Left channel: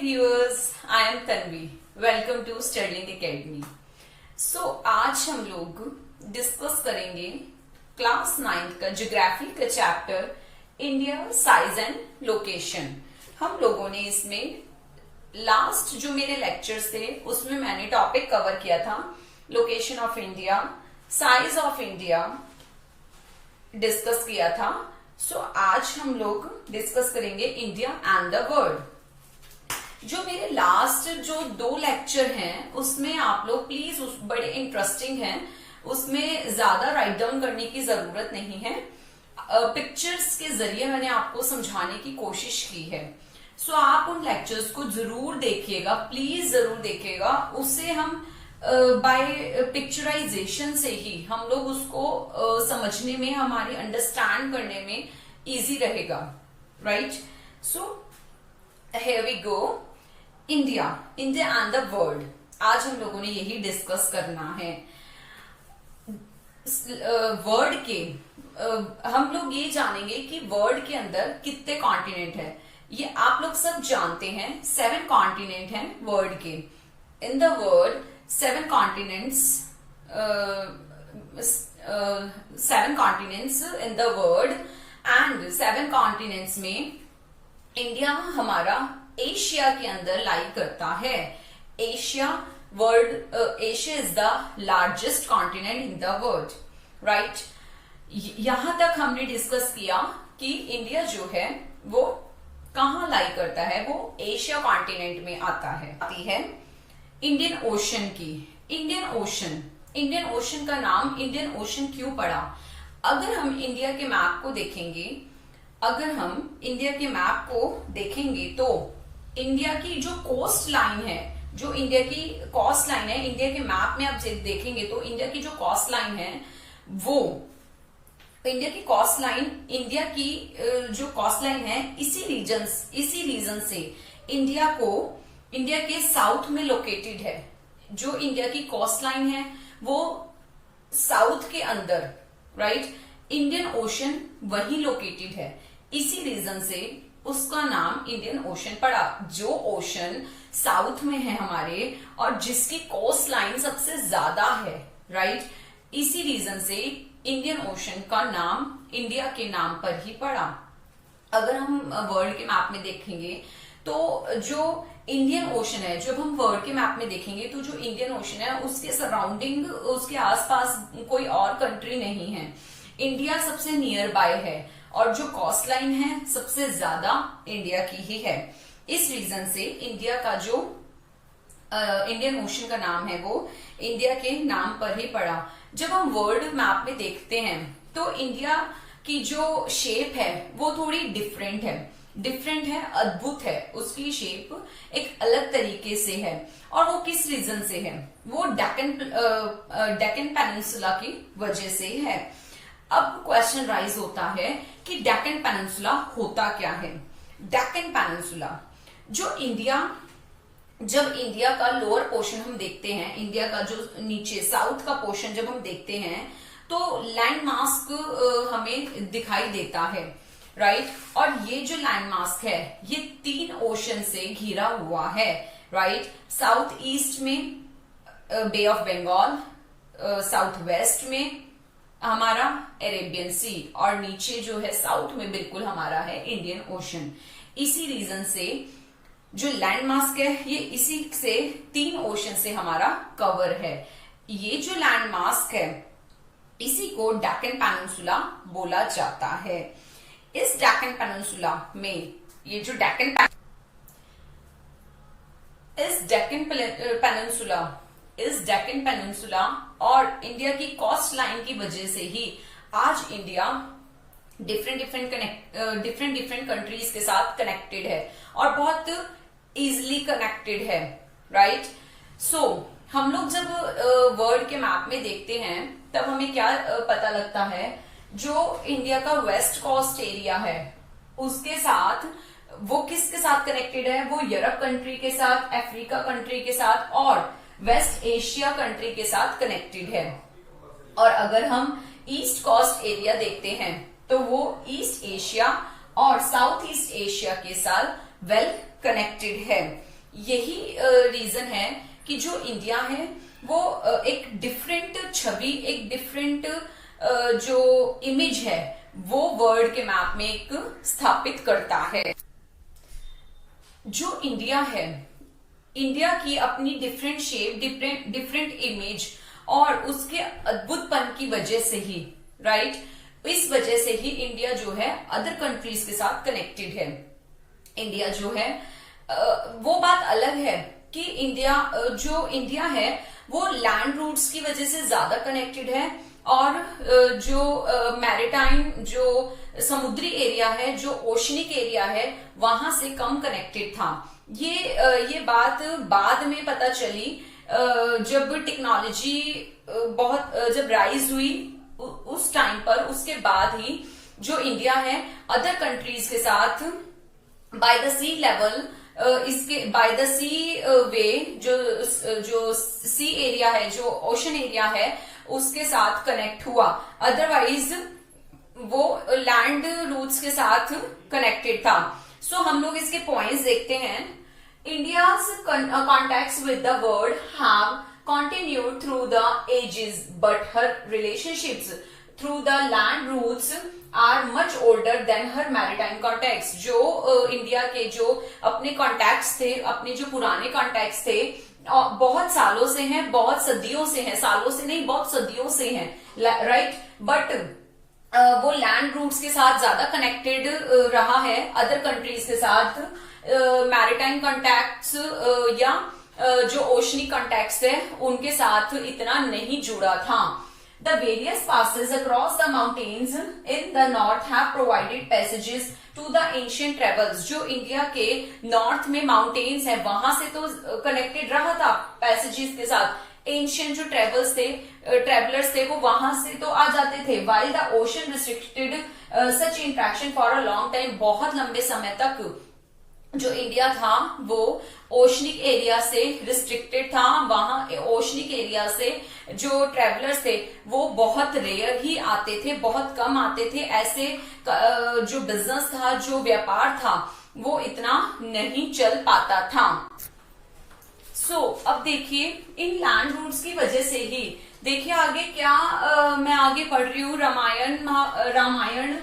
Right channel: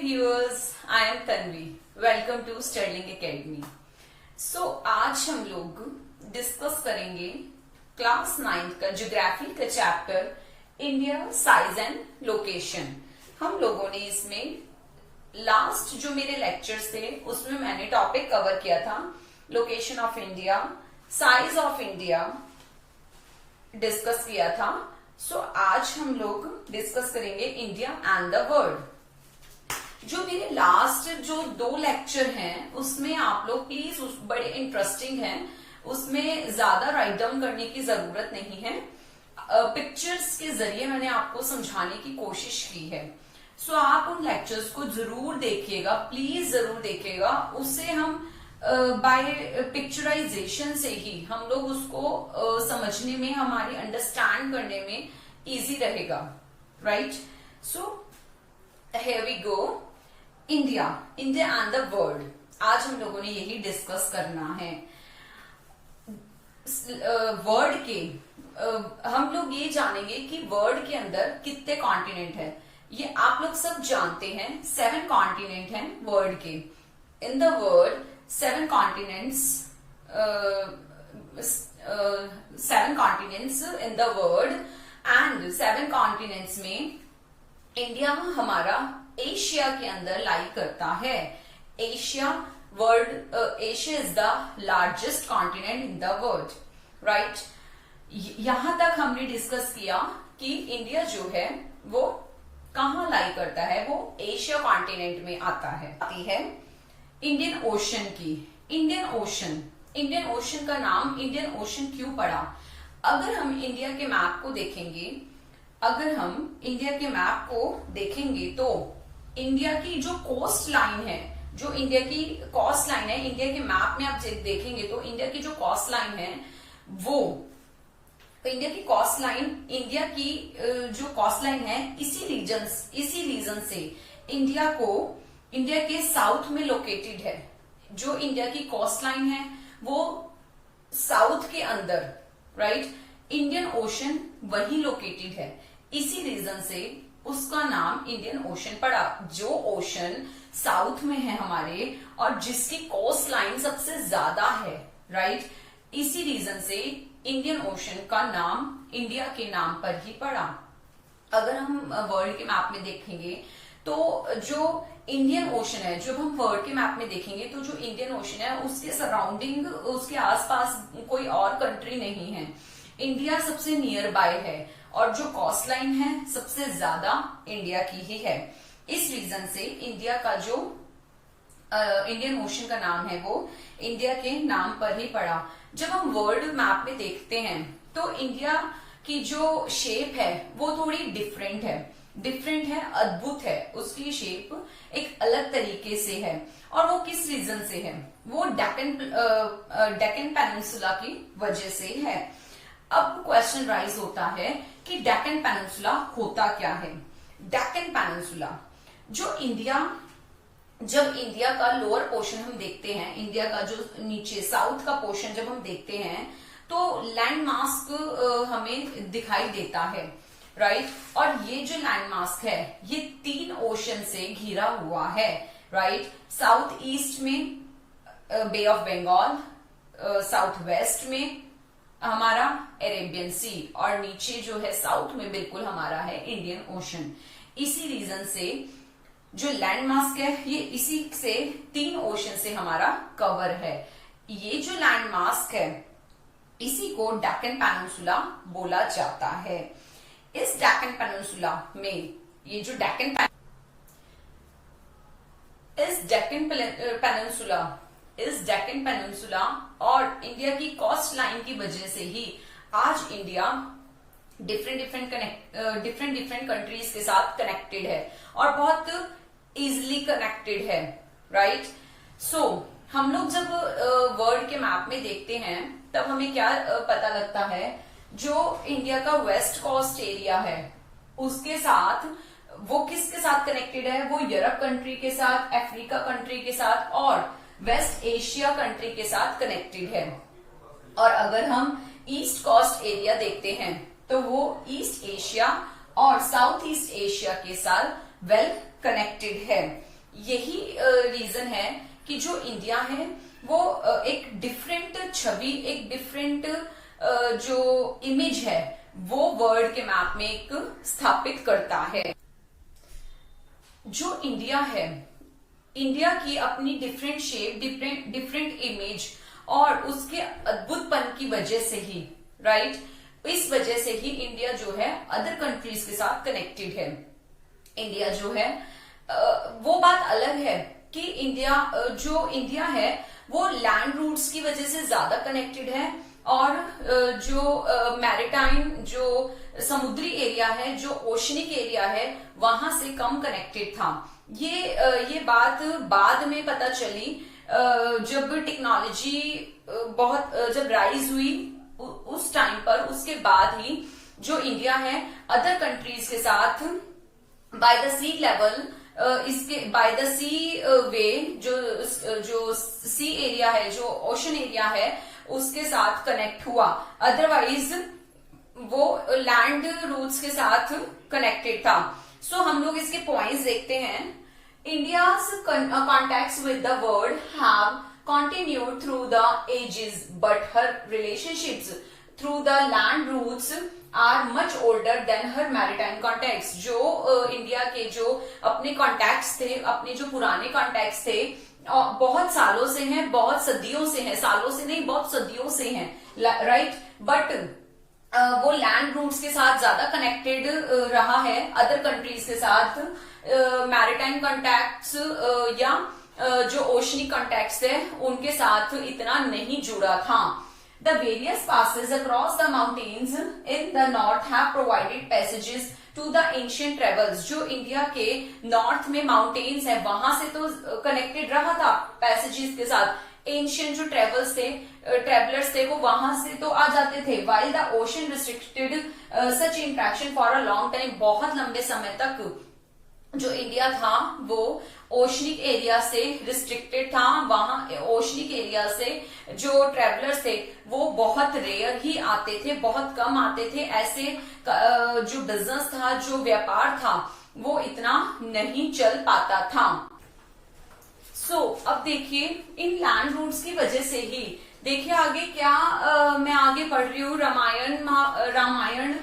viewers, I am Tanvi. Welcome to Sterling Academy. So आज हम लोग डिस्कस करेंगे क्लास 9 का ज्योग्राफी का chapter India size and location. हम लोगों ने इसमें लास्ट जो मेरे लेक्चर्स थे उसमें मैंने टॉपिक कवर किया था location of India, size of India discuss किया था। सो आज हम लोग डिस्कस करेंगे इंडिया एंड द वर्ल्ड। जो मेरे लास्ट जो 2 लेक्चर हैं उसमें आप लोग प्लीज बड़े इंटरेस्टिंग हैं, उसमें ज्यादा राइट डाउन करने की जरूरत नहीं है। पिक्चर्स के जरिए मैंने आपको समझाने की कोशिश की है। सो आप उन लेक्चर्स को जरूर देखिएगा, प्लीज जरूर देखिएगा। उससे हम बाय पिक्चराइजेशन से ही हम लोग उसको समझने में, हमारी अंडरस्टैंड करने में इजी रहेगा, right. So here we go. India and the world, आज हम लोगों ने यही डिस्कस करना है। वर्ल्ड के हम लोग ये जानेंगे कि वर्ल्ड के अंदर कितने कॉन्टिनेंट है। ये आप लोग सब जानते हैं, 7 कॉन्टिनेंट हैं वर्ल्ड के। In the world 7 continents, 7 continents in the world, and 7 continents में इंडिया हमारा एशिया के अंदर लाई करता है। Asia is the largest continent in the world, right. यहां तक हमने डिस्कस किया कि इंडिया जो है वो कहाँ लाई करता है, वो एशिया कॉन्टिनेंट में आता है। इंडियन ओशन की, इंडियन ओशन का नाम इंडियन ओशन क्यों पड़ा? अगर हम इंडिया के मैप को देखेंगे, तो इंडिया की जो कोस्ट लाइन है, इंडिया के मैप में आप देखेंगे तो इंडिया की जो कोस्ट लाइन है, वो इंडिया की कोस्ट लाइन, इंडिया की जो कोस्ट लाइन है, इसी रीजन से इंडिया के साउथ में लोकेटेड है। जो इंडिया की कोस्ट लाइन है वो साउथ के अंदर, राइट। इंडियन ओशन वही लोकेटेड है, इसी रीजन से उसका नाम इंडियन ओशन पड़ा। जो ओशन साउथ में है हमारे और जिसकी कोस्ट लाइन सबसे ज्यादा है, राइट, इसी रीजन से इंडियन ओशन का नाम इंडिया के नाम पर ही पड़ा। अगर हम वर्ल्ड के मैप में देखेंगे तो जो इंडियन ओशन है, जब हम वर्ल्ड के मैप में देखेंगे तो जो इंडियन ओशन है उसके सराउंडिंग, उसके आसपास कोई और कंट्री नहीं है। इंडिया सबसे नियर बाय है और जो कोस्ट लाइन है सबसे ज्यादा इंडिया की ही है। इस रीजन से इंडिया का जो इंडियन ओशन का नाम है वो इंडिया के नाम पर ही पड़ा। जब हम वर्ल्ड मैप में देखते हैं तो इंडिया की जो शेप है वो थोड़ी डिफरेंट है, अद्भुत है। उसकी शेप एक अलग तरीके से है और वो किस रीजन से है? वो डेक्कन पेनिनसुला की वजह से है। अब क्वेश्चन राइज होता है कि डेक्कन पेनिनसुला होता क्या है? डेक्कन पेनिनसुला जब इंडिया का लोअर पोर्शन हम देखते हैं, इंडिया का जो नीचे साउथ का पोर्शन जब हम देखते हैं तो लैंड मास्क हमें दिखाई देता है, राइट। और ये जो लैंड मास्क है ये 3 ओशन से घिरा हुआ है, राइट। साउथ ईस्ट में बे ऑफ बंगाल, साउथ वेस्ट में हमारा अरेबियन सी और नीचे जो है साउथ में बिल्कुल हमारा है इंडियन ओशन। इसी रीजन से जो लैंड मास्क है ये इसी से 3 ओशन से हमारा कवर है। ये जो लैंड मास्क है इसी को डेक्कन पेनिनसुला बोला जाता है। इस डेक्कन पेनिनसुला में ये जो डेक्कन पेनिनसुला और इंडिया की कोस्ट लाइन की वजह से ही आज इंडिया डिफरेंट कंट्रीज के साथ कनेक्टेड है और बहुत इजिली कनेक्टेड है, राइट। सो हम लोग जब वर्ल्ड के मैप में देखते हैं तब हमें क्या पता लगता है? जो इंडिया का वेस्ट कोस्ट एरिया है उसके साथ वो किसके साथ कनेक्टेड है? वो यूरोप कंट्री के साथ, अफ्रीका कंट्री के साथ और वेस्ट एशिया कंट्री के साथ कनेक्टेड है। और अगर हम ईस्ट कोस्ट एरिया देखते हैं तो वो ईस्ट एशिया और साउथ ईस्ट एशिया के साथ वेल कनेक्टेड है। यही रीजन है कि जो इंडिया है वो एक डिफरेंट छवि, एक डिफरेंट जो इमेज है वो वर्ल्ड के मैप में एक स्थापित करता है। जो इंडिया है, इंडिया की अपनी डिफरेंट शेप, डिफरेंट इमेज और उसके अद्भुतपन की वजह से ही, राइट, इस वजह से ही इंडिया जो है अदर कंट्रीज के साथ कनेक्टेड है। इंडिया जो है वो बात अलग है कि जो इंडिया है वो लैंड रूट्स की वजह से ज्यादा कनेक्टेड है और जो मैरिटाइम, जो समुद्री एरिया है, जो ओशनिक एरिया है, वहां से कम कनेक्टेड था। ये बात बाद में पता चली जब टेक्नोलॉजी बहुत जब राइज हुई उस टाइम पर, उसके बाद ही जो इंडिया है अदर कंट्रीज के साथ बाय द सी लेवल, इसके बाय द सी वे, जो सी एरिया है, जो ओशन एरिया है, उसके साथ कनेक्ट हुआ। अदरवाइज वो लैंड रूट्स के साथ कनेक्टेड था। सो हम लोग इसके पॉइंट्स देखते हैं। India's contacts with the world have continued through the ages, but her relationships through the land routes are much older than her maritime contacts. जो इंडिया के जो अपने कॉन्टैक्ट्स थे, अपने जो पुराने कॉन्टैक्ट्स थे, बहुत सालों से हैं, बहुत सदियों से हैं, सालों से नहीं बहुत सदियों से हैं, राइट। बट वो लैंड रूट्स के साथ ज्यादा कनेक्टेड रहा है, अदर कंट्रीज के साथ मैरिटाइम कॉन्टैक्ट्स या जो ओशनिक कॉन्टैक्ट्स थे उनके साथ इतना नहीं जुड़ा था। The various passes across the mountains in the north have provided passages to the ancient travels. जो इंडिया के नॉर्थ में माउंटेन्स है वहां से तो कनेक्टेड रहा था पैसेजेस के साथ। एंशियंट जो ट्रेवलर्स थे वो वहां से तो आ जाते थे। while the ocean restricted such interaction for a long time, बहुत लंबे समय तक जो इंडिया था वो ओशनिक एरिया से रिस्ट्रिक्टेड था। वहां ओशनिक एरिया से जो ट्रेवलर्स थे वो बहुत रेयर ही आते थे, बहुत कम आते थे। ऐसे जो बिजनेस था, जो व्यापार था, वो इतना नहीं चल पाता था। अब देखिए इन लैंड रूट्स की वजह से ही, देखिए आगे क्या मैं आगे पढ़ रही हूँ, रामायण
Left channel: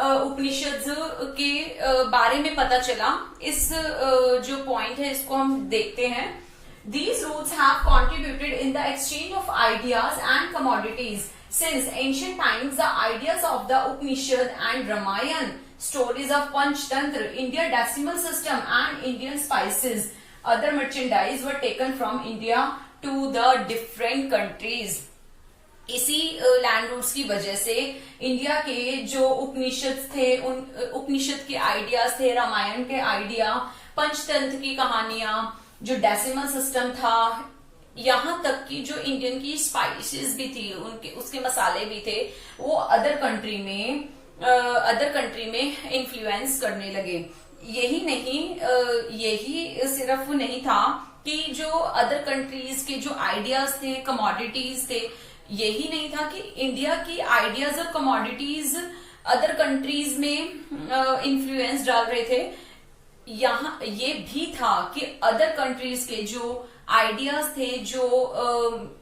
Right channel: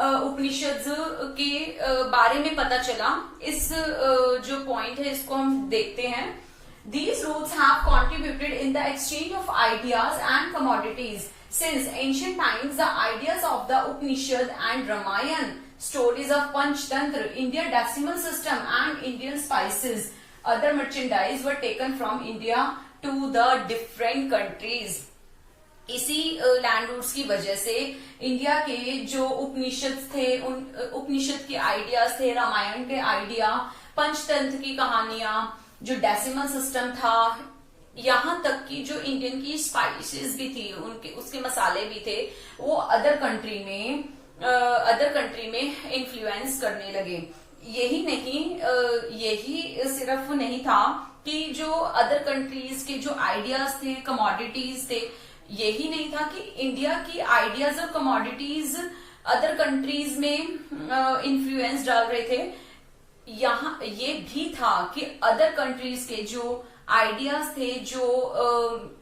उपनिषद के बारे में पता चला। इस जो पॉइंट है इसको हम देखते हैं। These routes have contributed in the exchange of ideas and commodities. Since ancient times, the ideas of the Upanishad and Ramayana, stories of Panchtantra, India decimal system and Indian spices, other merchandise were taken from India to the different countries. इसी land roots की वजह से India के जो उपनिषद थे, उन उपनिषद के ideas थे, रामायण के आइडिया, पंचतंत्र की कहानियां, जो डेसिमल सिस्टम था, यहाँ तक कि जो इंडियन की स्पाइसेस भी थी, उसके मसाले भी थे, वो अदर कंट्री में इन्फ्लुएंस करने लगे। यही सिर्फ नहीं था कि जो अदर कंट्रीज के जो आइडियाज थे, कमोडिटीज थे, यही नहीं था कि इंडिया की आइडियाज और कमोडिटीज अदर कंट्रीज में इन्फ्लुएंस डाल रहे थे। यहाँ ये भी था कि अदर कंट्रीज के जो आइडियाज थे, जो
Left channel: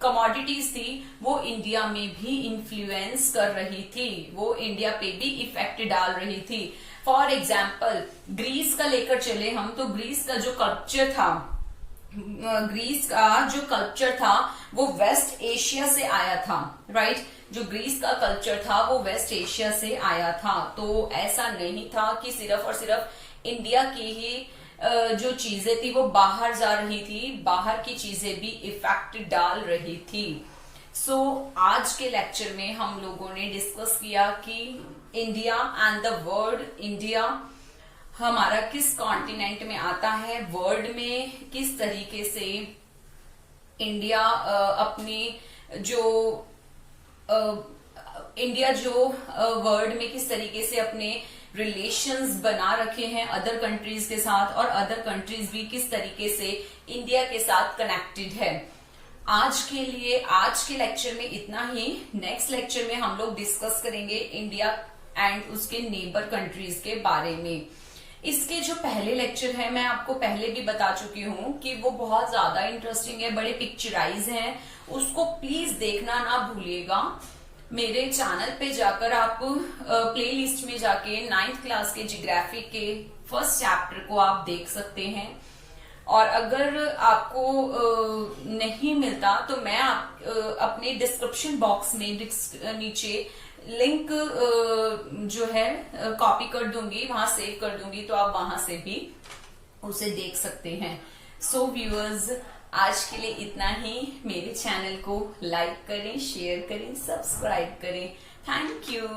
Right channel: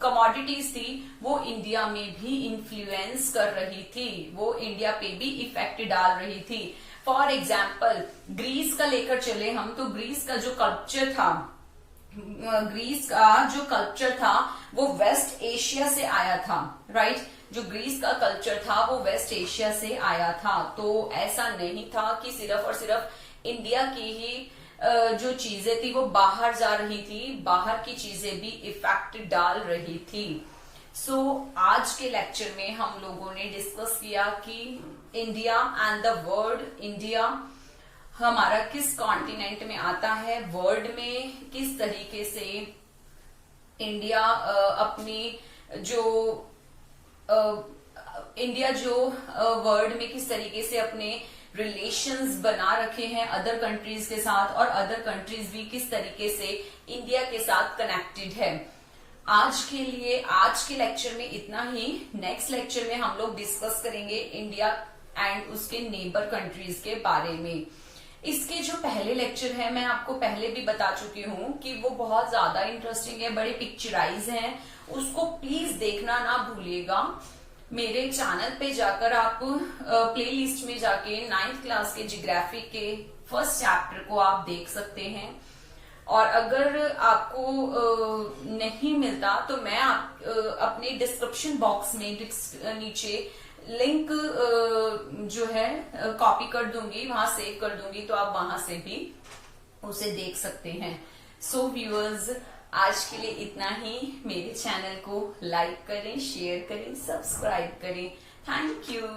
कमोडिटीज थी, वो इंडिया में भी इन्फ्लुएंस कर रही थी, वो इंडिया पे भी इफेक्ट डाल रही थी। फॉर एग्जाम्पल ग्रीस का लेकर चले हम, तो ग्रीस का जो कल्चर था, वो वेस्ट एशिया से आया था, राइट। जो ग्रीस का कल्चर था वो वेस्ट एशिया से आया था। तो ऐसा नहीं था कि सिर्फ और सिर्फ इंडिया की ही जो चीजें थी वो बाहर जा रही थी, बाहर की चीजें भी इफेक्ट डाल रही थी। आज के लेक्चर में हम लोगों ने डिस्कस किया कि India and the world, India हमारा किस कॉन्टिनेंट में आता है, वर्ल्ड में किस तरीके से इंडिया वर्ल्ड में किस तरीके से अपने रिलेशंस बना रखे हैं अदर कंट्रीज के साथ, और अदर कंट्रीज भी किस तरीके से इंडिया के साथ कनेक्टेड है। आज के लेक्चर में इतना ही। नेक्स्ट लेक्चर में हम लोग डिस्कस करेंगे इंडिया एंड उसके नेबर कंट्रीज के बारे में। इसके जो पहले लेक्चर है मैं आपको पहले भी बता चुकी हूँ कि वो बहुत ज्यादा इंटरेस्टिंग है, बड़े पिक्चराइज हैं, उसको प्लीज देखना ना भूलिएगा। मेरे चैनल पे जाकर आप प्लेलिस्ट में जाके 9th क्लास के ज्योग्राफी के फर्स्ट चैप्टर को आप देख सकते हैं। और अगर आपको नहीं मिलता तो मैं अपने डिस्क्रिप्शन बॉक्स में नीचे लिंक जो है कॉपी कर दूंगी, वहां सेव कर दूंगी, तो आप वहां से भी उसे देख सकते हैं। सो व्यूअर्स, आज के लिए इतना ही। मेरे चैनल को लाइक करें, शेयर करें, सब्सक्राइब करें। Thank you.